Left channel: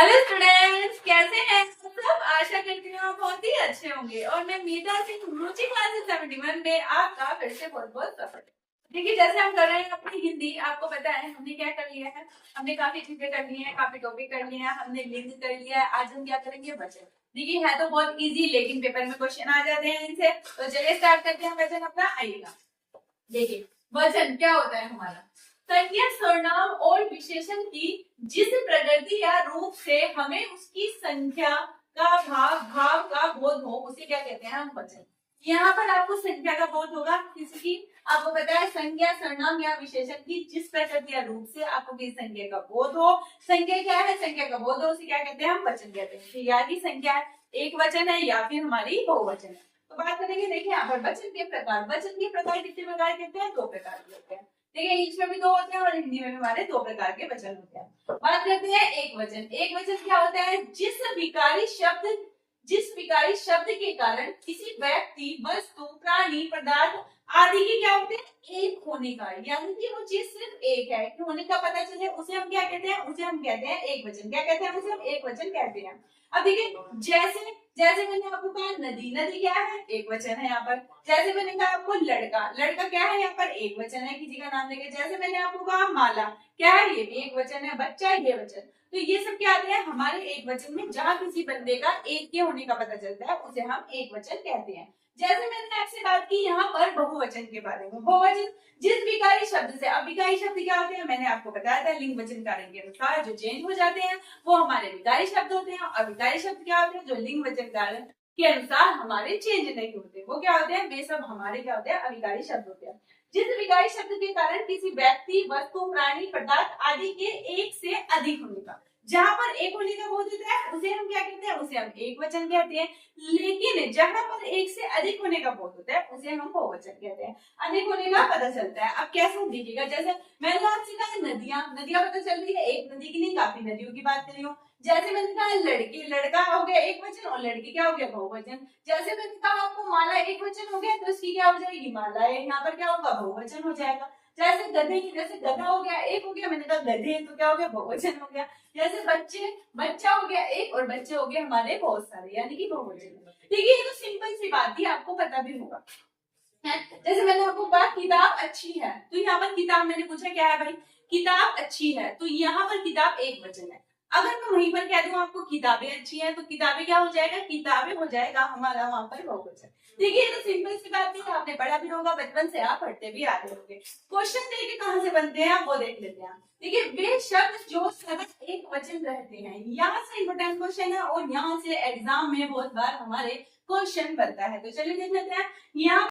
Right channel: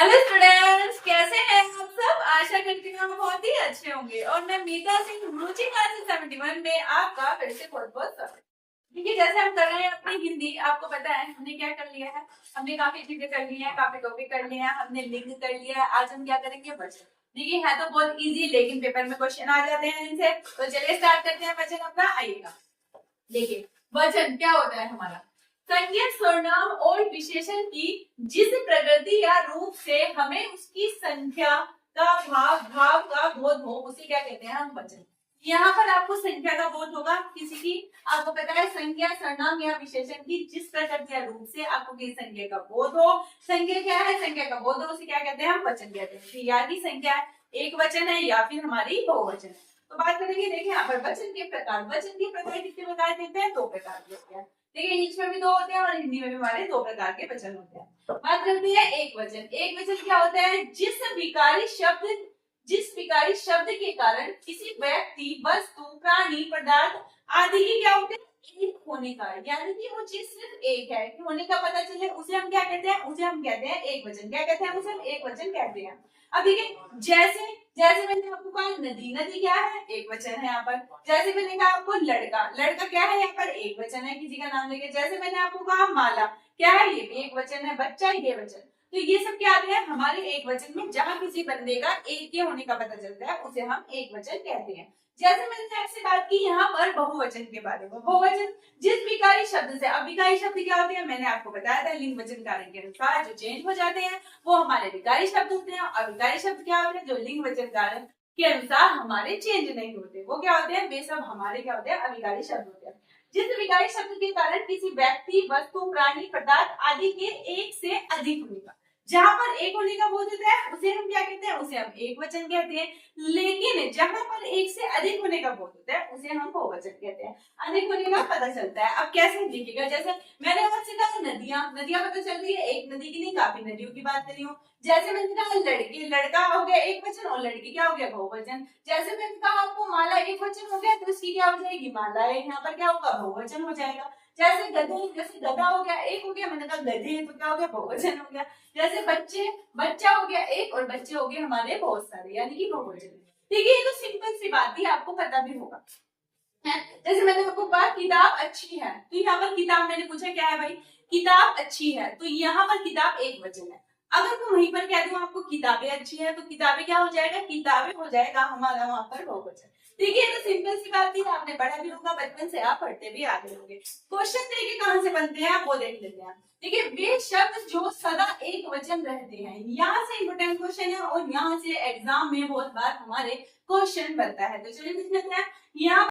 Hello students, कैसे हैं आप सब। आशा करती हूँ आप बहुत ही अच्छे होंगे और मैं मीता सिंह रुचि क्लासेस 71 में आपका फिर से बहुत बहुत स्वागत। देखिए, जैसे हम कर रहे हैं अपनी हिंदी, आपको पता है हमने क्या कर लिया है। हमने काफी चीजें कर ली हैं, काफी टॉपिक कर लिए हैं, हमने लिंक कर लिया है। आज हम क्या करेंगे, वचन। देखिए, है तो बहुत इजी, लेकिन पेपर में क्वेश्चन आ जाते हैं इनसे। तो चलिए स्टार्ट करते हैं वचन अपना। आइएगा, देखिए वचन क्या होता है हमारा। संज्ञा, सर्वनाम और विशेषण की जिस प्रकृति या रूप से हमें उसकी संख्या का भाव का बोध हो, उसे क्या कहते हैं हम, वचन। यहाँ पर आपको संख्या का बोध होगा किसी की, आपको पता है संज्ञा, सर्वनाम या विशेषण की जिस प्रकृति या रूप से आपको किसी संख्या का बोध हो। संख्या क्या है, संख्या का बोध हो, उसे क्या कहते हैं हम, वचन कहते हैं। या की संख्या एक वचन है या फिर हमारी बहुवचन है। तो बात करेंगे, देखिए यहाँ पर वचन के प्रकार। वचन के प्रकार कितने प्रकार के होते हैं, दो प्रकार के होते हैं। देखिए, इंग्लिश में भी दो होते हैं और हिंदी में भी हमारे दो प्रकार के वचन होते हैं। बात करते हैं एक वचन। एक वचन क्या होता है, जिस विकारी शब्द के कारण किसी व्यक्ति, वस्तु, प्राणी, पदार्थ आदि के क्या होते हैं, एक होने का, यानी कि वो चीज सिर्फ एक है कि होने का पता चले, उसे हम क्या कहते हैं, उसे हम कहते हैं एक वचन। क्या कहते हैं, उसे हम एक वचन कहते हैं। अब देखिए, जैसे जैसे मैंने आपको कहा नदी, नदी क्या है, एक वचन है यहाँ पर। जैसे मैंने कहा आपको लड़का, लड़का क्या है यहाँ पर, एक वचन है किसी का नाम लेके। जैसे मैंने आपको कहा माला, क्या है, ये भी एक वचन है। बच्चा, ये वचन। तो ये सब क्या आते हैं हमारे एक वचन में, जहां किसी बंदे का एक के होने का पता चलता है उसे हम एक वचन कहते हैं। जैसे मैंने आपसे बात की यहाँ पर बहुवचन के बारे में। बहुवचन जिस विकारी शब्द से, अब विकारी शब्द क्या होते हैं, मैंने आपको बताया था, लिंग वचन कारण के अनुसार जो चेंज हो जाते हैं वो हमारे विकारी शब्द होते हैं। और विकारी शब्द क्या होते हैं, जो लिंग वचन कारण के अनुसार हमारे चेंज नहीं होते, वो क्या होते हैं, वे सब हमारे क्या होते हैं, अविकारी शब्द होते हैं। जिस विकारी शब्द के कारण किसी व्यक्ति, वस्तु, प्राणी, पदार्थ आदि के एक से अधिक होने का, जहां पर एक होने का बोध होता है उसे हम क्या कहते हैं, उसे हम एक वचन कहते हैं। लेकिन जहां पर एक से अधिक होने का बोध होता है उसे हम बहुवचन कहते हैं। अधिक होने का पता चलता है। अब कैसे देखिएगा, जैसे मैंने आपसे कहा नदियां, नदियां पता चल रही है, एक नदी की नहीं काफी नदियों की बात कर रही हूँ। जैसे मैंने कहा लड़के, लड़का हो गया एक वचन और लड़की क्या हो गया, बहुवचन। जैसे मैंने कहा आपको माला, एक वचन हो गया तो इसकी क्या हो जाएगी, मालाएं। यहाँ पर क्या होगा, बहुवचन हो जाएगा। जैसे गधे, जैसे गधा हो गया एक हो गया, मैंने कहा गधे, तो क्या हो गया, बहुवचन हो गया। जैसे बच्चे, बच्चा हो गया एक और बच्चे हो गए हमारे बहुत सारे, यानी कि बहुवचन। देखिए, ये तो सिंपल सी बात थी, आपको पता भी होगा है। जैसे मैंने आपको कहा किताब अच्छी है, तो यहाँ पर किताब मैंने पूछा क्या है भाई, किताब अच्छी है, तो यहाँ पर किताब एक वचन है। अगर मैं वहीं पर कह दूं आपको किताबें अच्छी है, तो किताबें क्या हो जाएगा, किताबें हो जाएगा हमारा वहां पर बहुवचन। देखिए, तो सिंपल सी बात थी, आपने पढ़ा भी होगा, बचपन से आप पढ़ते भी आ रहे होंगे। क्वेश्चन देखिए कहां से बनते हैं, आप वो देख लेते हैं। देखिए, वे शब्द जो सदा एक वचन रहते हैं, यहाँ से इंपोर्टेंट क्वेश्चन है और यहाँ से एग्जाम में बहुत बार हमारे क्वेश्चन बनता है। तो चलिए देख लेते हैं। यहाँ